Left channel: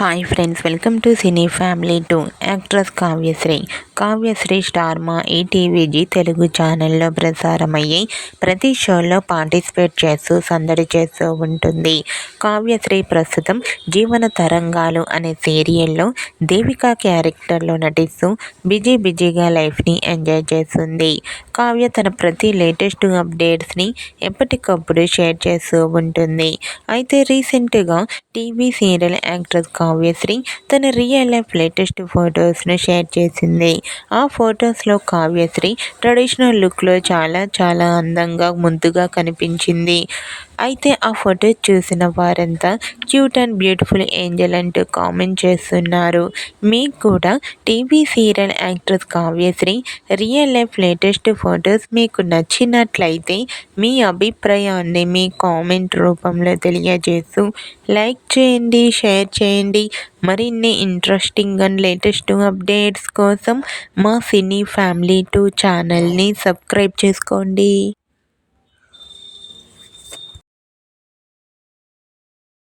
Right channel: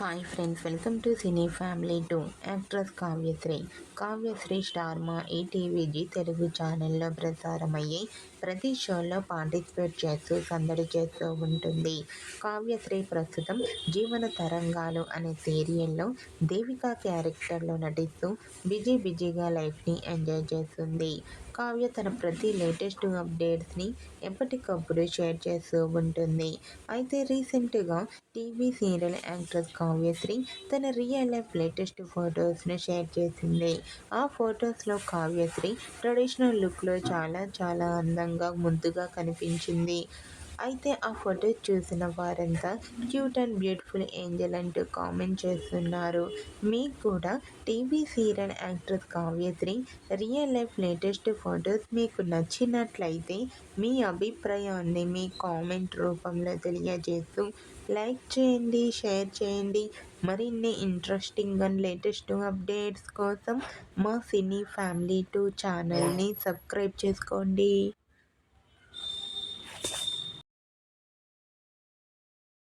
Hi friends, welcome to cine family 2. Actress Kavyasri star మా ఈటీవీజీ తెలుగు ఛానల్లో ప్రసారమయ్యే ప్రతి షోలో పార్టిసిపేట్ చేస్తూ సందడి చేస్తూ ఉంటుంది. కావ్యశ్రీ ప్రస్తుతం జీవన తరంగాలు అనే సీరియల్లో దేవిక క్యారెక్టర్లో నటిస్తూ బిజీగా లైఫ్ని ఎంజాయ్ చేస్తుంది. కావ్య తన ప్రతి లేటెస్ట్ అప్డేట్స్ని ఎప్పటికప్పుడు షేర్ చేస్తూ ఉంటుంది. అయితే రీసెంట్గా టీవీ సీరియల్ యాక్ట్రెస్ కావ్యశ్రీ తన రియల్ లైఫ్ లేటెస్ట్ ఫొటోస్ను షేర్ చేసింది. ఆ ఫొటోస్లో కావ్యశ్రీ ట్రెడిషనల్ లుక్లో చాలా అందంగా ముద్దుగా కనిపించింది. అయితే ఆ ఫొటోస్ చూసిన వారంతా క్యూట్ అండ్ బ్యూటిఫుల్ ఏంజల్ అంటూ కామెంట్ చేస్తున్నారు. మీకు కూడా TV serial actress Kavyasri real life latest photos మీకు నచ్చినట్లయితే మీ అభిప్రాయాన్ని మీ కామెంట్ రూపంలో తెలియజేస్తూ లైక్ చేయండి, షేర్ చేయండి. మరిన్ని ఇంట్రెస్టింగ్ అండ్ లేటెస్ట్ అప్డేట్స్ కోసం మా సినీ ఫ్యామిలీ 2 ఛానల్ని సబ్స్క్రైబ్ చేసుకోండి.